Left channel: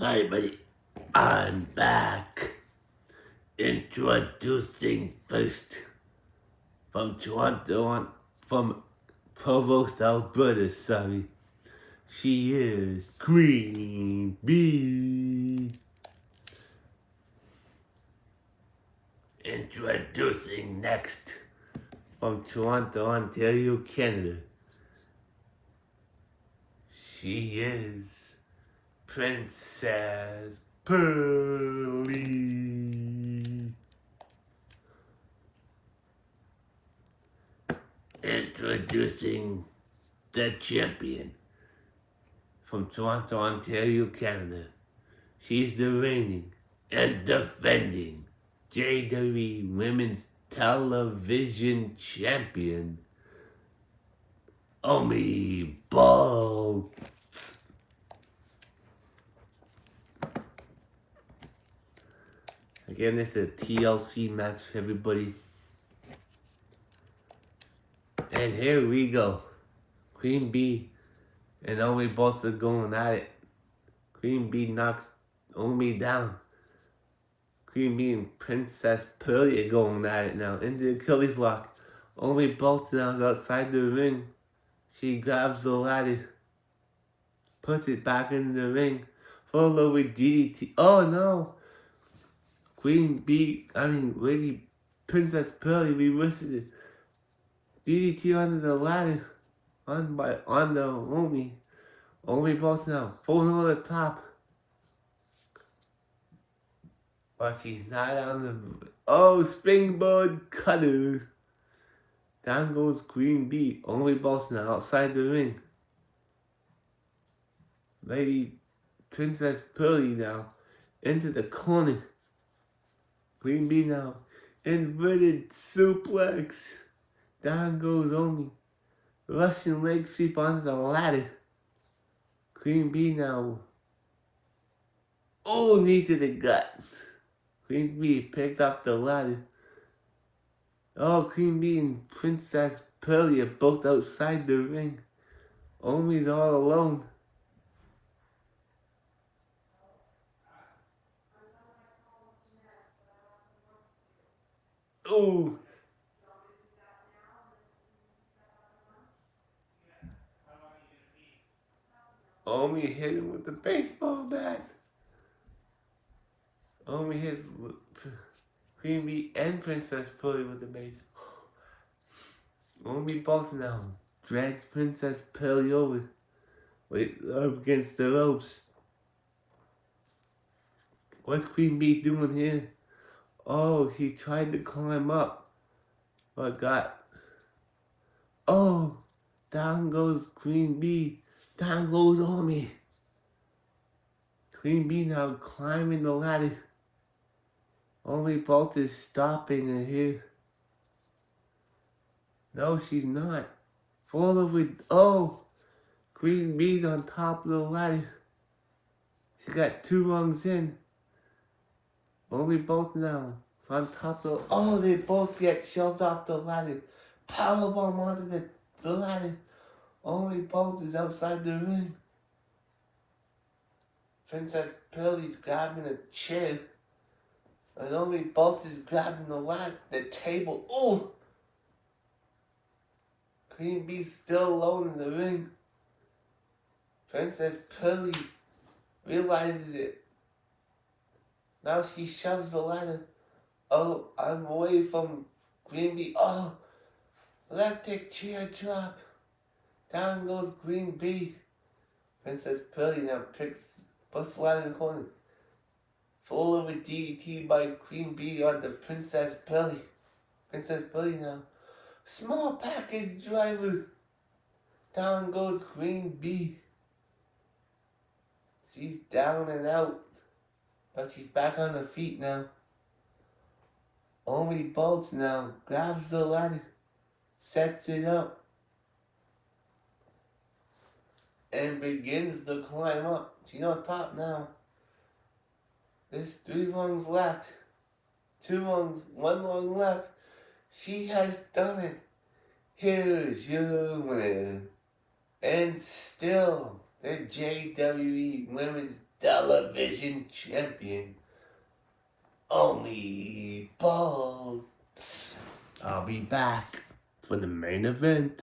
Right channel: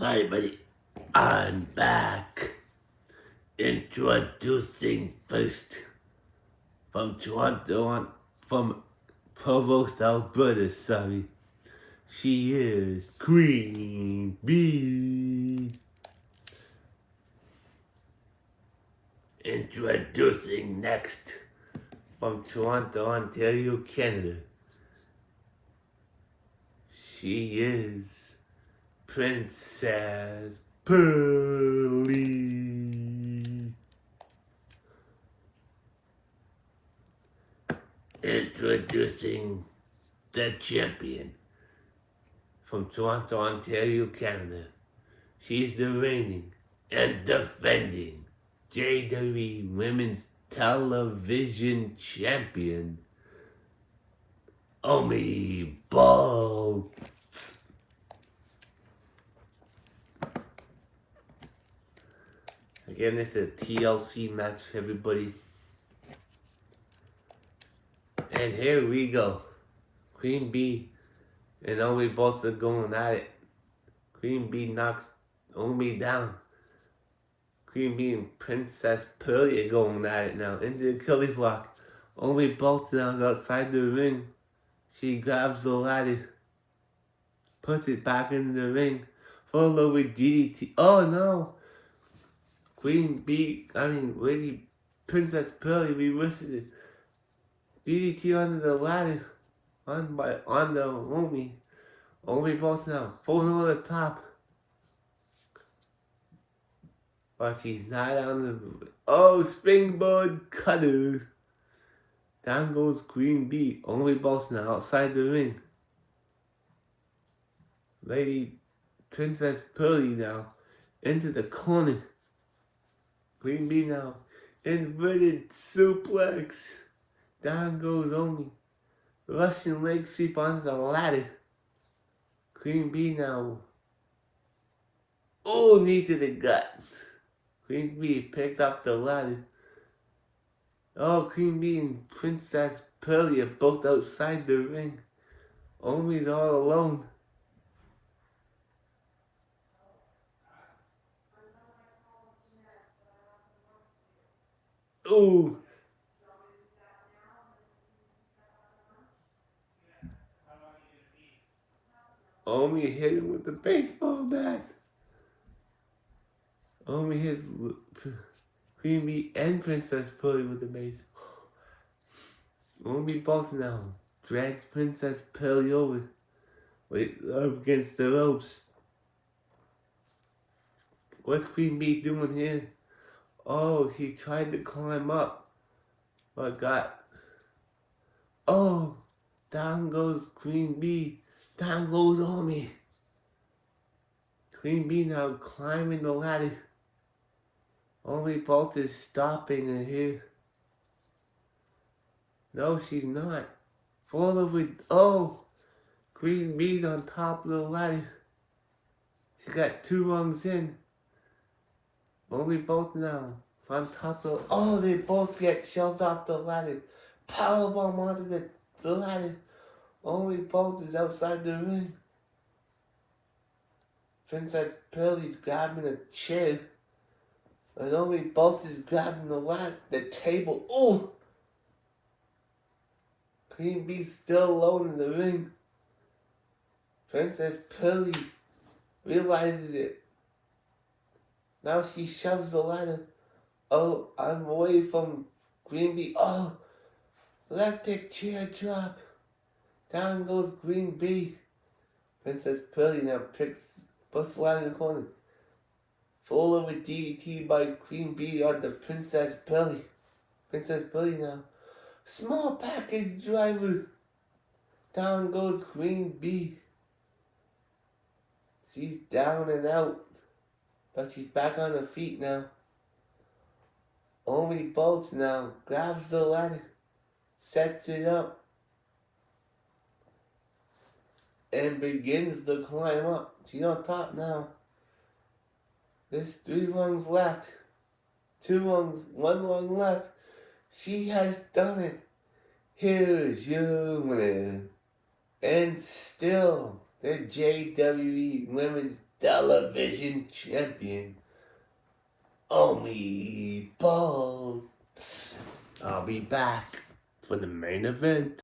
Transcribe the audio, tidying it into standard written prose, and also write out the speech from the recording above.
Hi, buddy. I'm back. Introducing first from Toronto, from Provost, Alberta, sorry. She is Queen Bee. Introducing next from Toronto, Ontario, Canada. She is Princess Pearly. Introducing the champion from Toronto, Ontario, Canada. She's the reigning and defending JWE Women's Television Champion, Omi Bolts. Again, it's a TLC match, everybody. And here we go. Queen Bee and Omi Bolts are going at it. Queen Bee knocks Omi down. Queen Bee and Princess Pearly are going at it now. Into the Achilles lock. Omi Bolts now outside the ring. She grabs the ladder. Puts it back into the ring. Followed with DDT. Oh no! Lady Princess Pearly reverses it. DDT under the ladder. On the Omi. Omi Bolts now. Full on the top. But she's not on the... Oh, springboard cutter. Down goes Queen Bee. Omi Bolts now outside the ring. Lady Princess Pearly now into the corner. Queen Bee now. Inverted suplex. Down goes Omi. Russian leg sweep onto the ladder. Queen Bee now. Oh, knee to the gut. Queen Bee picked up the ladder. Oh, Queen Bee and Princess Pearly are both outside the ring. Omi's all alone. Ooh. Omi hit him with the baseball bat. Omi hit Queen Bee and Princess Pearly with the baseball. Omi Bolts now drags Princess Pearly over. Up against the ropes. What's Queen Bee doing here? Oh, she tried to climb up, but got... Oh, down goes Queen Bee. Down goes Omi. Queen Bee now climbing the ladder. Omi Bolts is stopping her here. No, she's not. Fall over. Oh, Queen Bee's on top of the ladder. She got 2 rungs in. Omi Bolts now on top of. Oh, they both get shoved off the ladder. Powerbomb onto the ladder. Omi Bolts is outside the ring. Princess Pearly's grabbing a chair. And Omi Bolts is grabbing the table. Ooh! Queen Bee's still alone in the ring. Princess Pearly realizes it. Now she shoves the ladder. Oh, I'm away from Queen Bee. Oh, electric chair drop. Down goes Queen Bee. Princess Pearly now puts the ladder in the corner. Followed with DDT by Queen Bee on the Princess Pearly. Princess Pearly now. Small package driver. Down goes Queen Bee. She's down and out. But she's back on her feet now. Omi Bolts now grabs the ladder. Sets it up. And begins the climb up. She's on top now. There's 3 rungs left. 2 rungs, 1 rung left. She has done it. Here's your winner. And still, the JWE Women's television champion, Omi Bolts. I'll be back for the main event.